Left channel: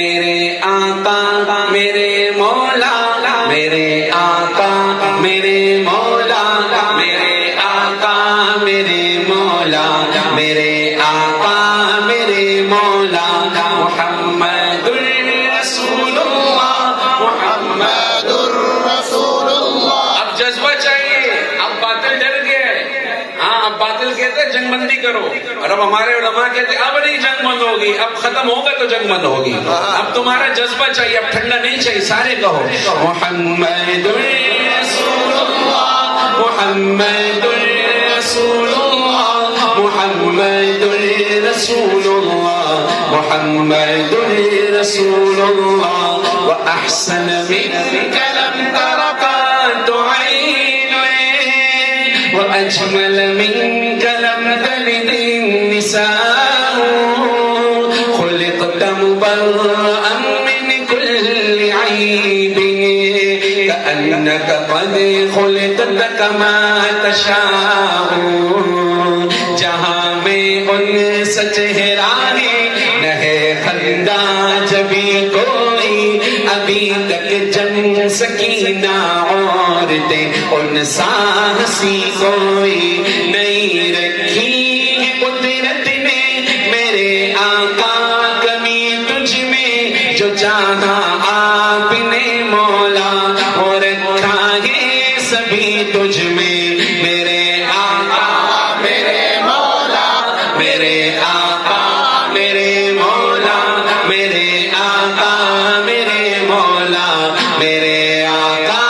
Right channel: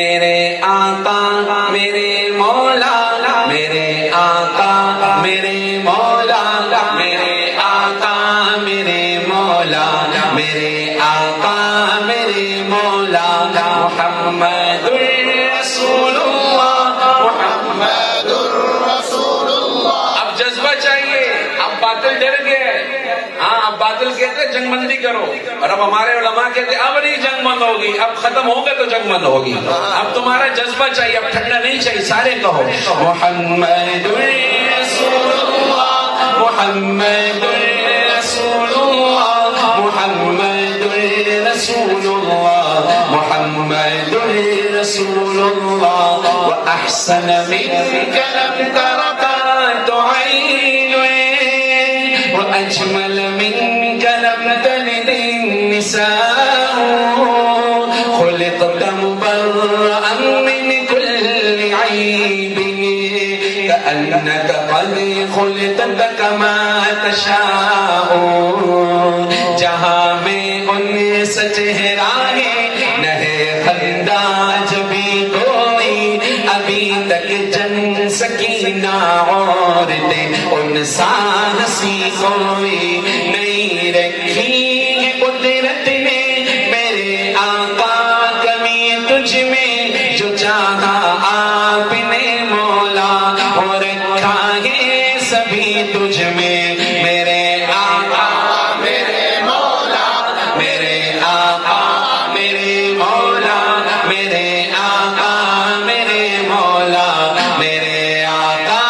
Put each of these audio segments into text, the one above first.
میرے آقا میرے مولا میرے آقا میرے مولا میرے آقا میرے مولا میرے آقا میرے مولا محمد رسول اللہ محمد رسول اللہ. اب جذبہ چاہیے. اب باطل ڈر گیا ہے. ہاں اب باطل کہتے جنگ بندی کرو اور اب ہمارے علماء کہتے اب نہیں جنگ بند ہوگی. اب ختم ہوگا تو جنگ بند ہوگی. اب تمہارا جذبہ چاہیے. اب ٹھنڈا نہیں چاہیے. سارے کہو محمد رسول اللہ محمد رسول اللہ محمد رسول اللہ محمد رسول اللہ. وأحسن منك لم تر قط عين وأجمل منك لم تلد النساء خلقت مبرأ من كل عيب كأنك قد خلقت كما تشاء. جہاں میں ان سے چہرہ نہ ہے خندہ جبھی کوئی ابھی تک جن سکینہ عورتیں ان سا ہنسی کوئی نہیں رکھی ہے قدرت نے میرے آقا کمی تجھ میں جو چاہا آپ نے مولا اور رکھا ہے سبھی تجھ میں میرے آقا میرے مولا میرے آقا میرے مولا میرے آقا میرے مولا میرے آقا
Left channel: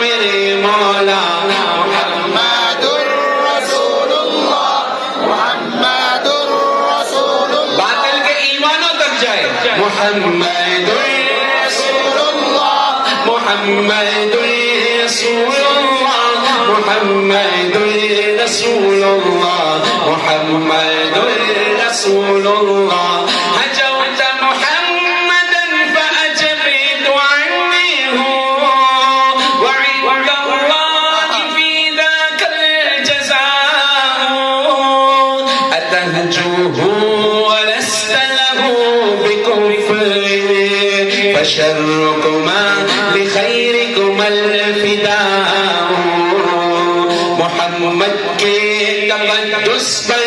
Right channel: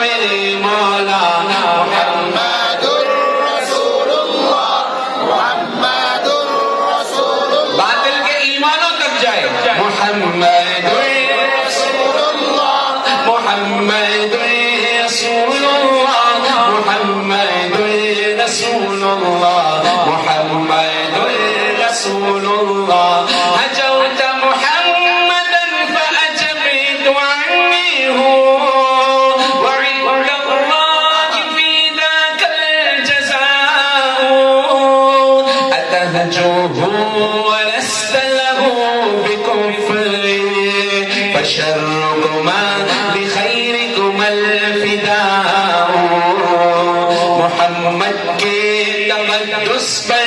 میرے مولا محمد رسول اللہ محمد رسول اللہ. باطل کے ایمانوں تک جائے. محمد رسول اللہ محمد رسول اللہ محمد رسول اللہ محمد رسول اللہ. هجوت محمدا فأجبت عنه وعند الله في ذاك الجزاء. أتهجوه ولست له بكفر فشركما بخيركما الفداء. محمد کے تقدس پر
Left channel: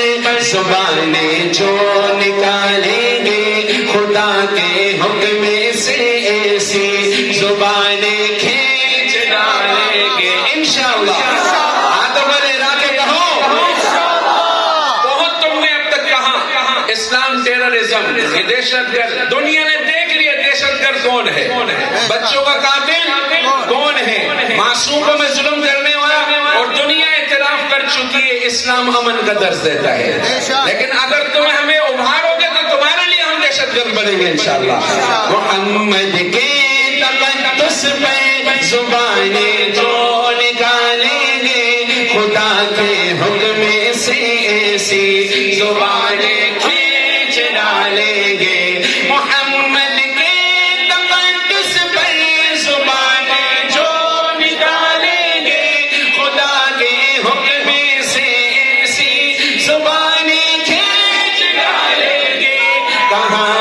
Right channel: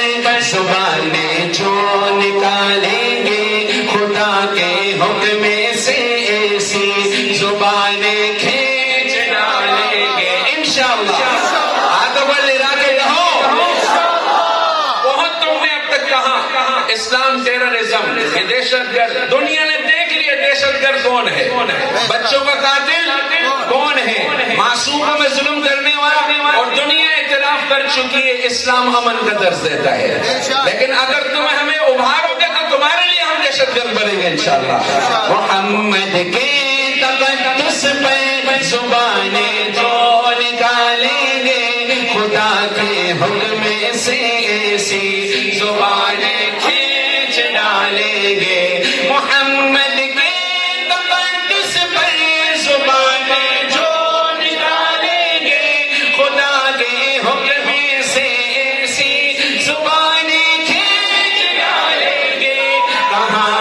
زبان جو نکالیں گے خدا کے حکم سے ایسی زبانیں کھینچ ڈالیں گے انشاءاللہ. آدم والے راکے رہو. بہت تم نے اب تک کہا اسلام ٹیررزم یہ دہشت گرد. دنیا نے دیکھ لیا دہشت گرد کون ہے. بچوں کا قاتل کون ہے. معصوموں میں ظلم کرنے والا. اور دنیا اعتراف کر چکی ہے اسلام امن کا درس دیتا ہے. لیکن اگر تمہیں ہمیں ابھارو گے تو تمہارے لیے ہم دہشت گرد بنیں گے انشاءاللہ. محمد کے تقدس پہ زبانیں جو نکالیں گے خدا کے حکم سے ایسی زبانیں کھینچ ڈالیں گے. محمد کے تقدس پر زبانیں جو نکالیں گے خدا کے حکم سے ایسی زبانیں کھینچ ڈالیں گے. کہاں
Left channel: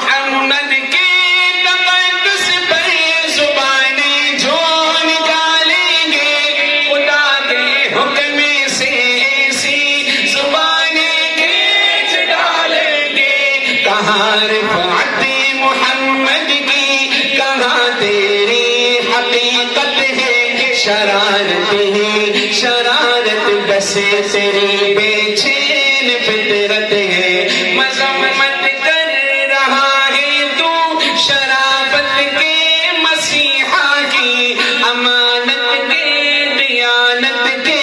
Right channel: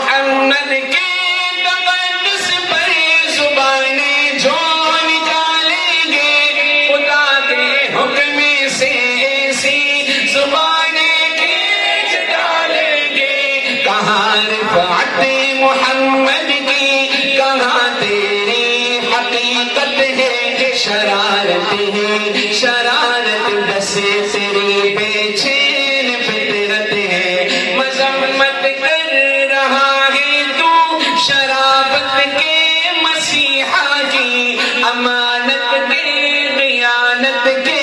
محمد کے تقدس پر زبانیں جو نکالیں گے خدا کے حکم سے ایسی زبانیں کھینچ ڈالیں گے. کہاں رفعت محمد کی کہاں تیری حقیقت ہے. شرارت ہی شرارت بسے تیری بے چین فطرت ہے. مذمت کر رہا ہے تو شرافت کے مسیحا کی امانت کے دیانت کے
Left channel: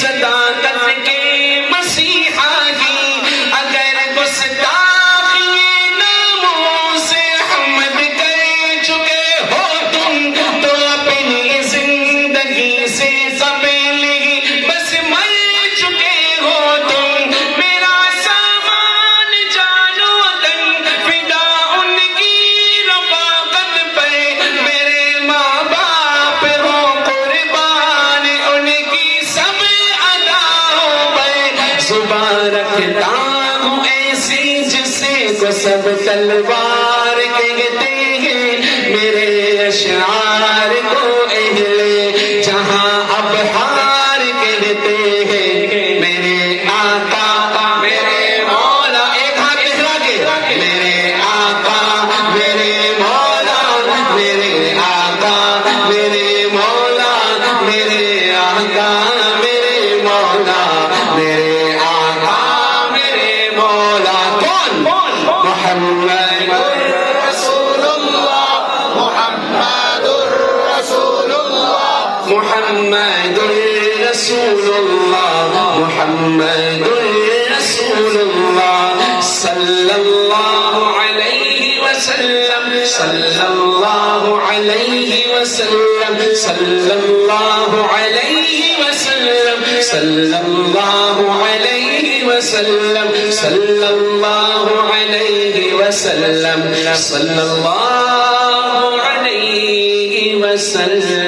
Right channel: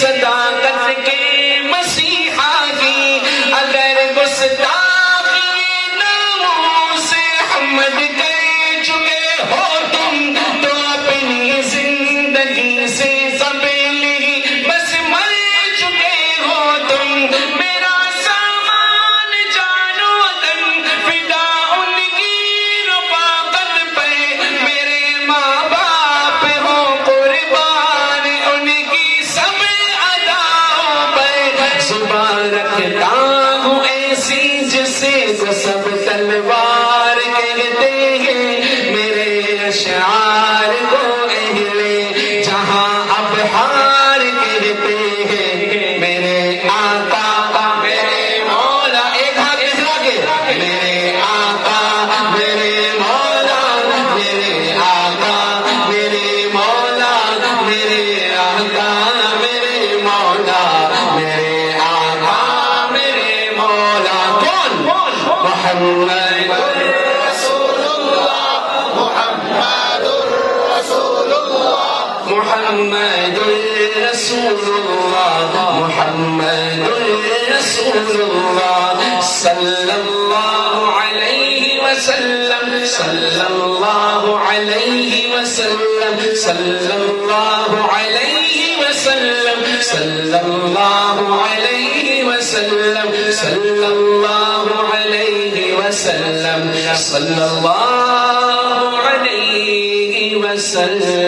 صداقت کے مسیحا کی. اگر گستاخی ناموس حمد کر چکے ہو تم تو اپنی زندگی سے قبل ہی بس مر چکے ہو محمد رسول اللہ محمد رسول اللہ صلی اللہ علیہ وسلم صلی اللہ علیہ وسلم صلی اللہ علیہ وسلم صلی اللہ علیہ وسلم صلی اللہ علیہ وسلم صلی اللہ علیہ وسلم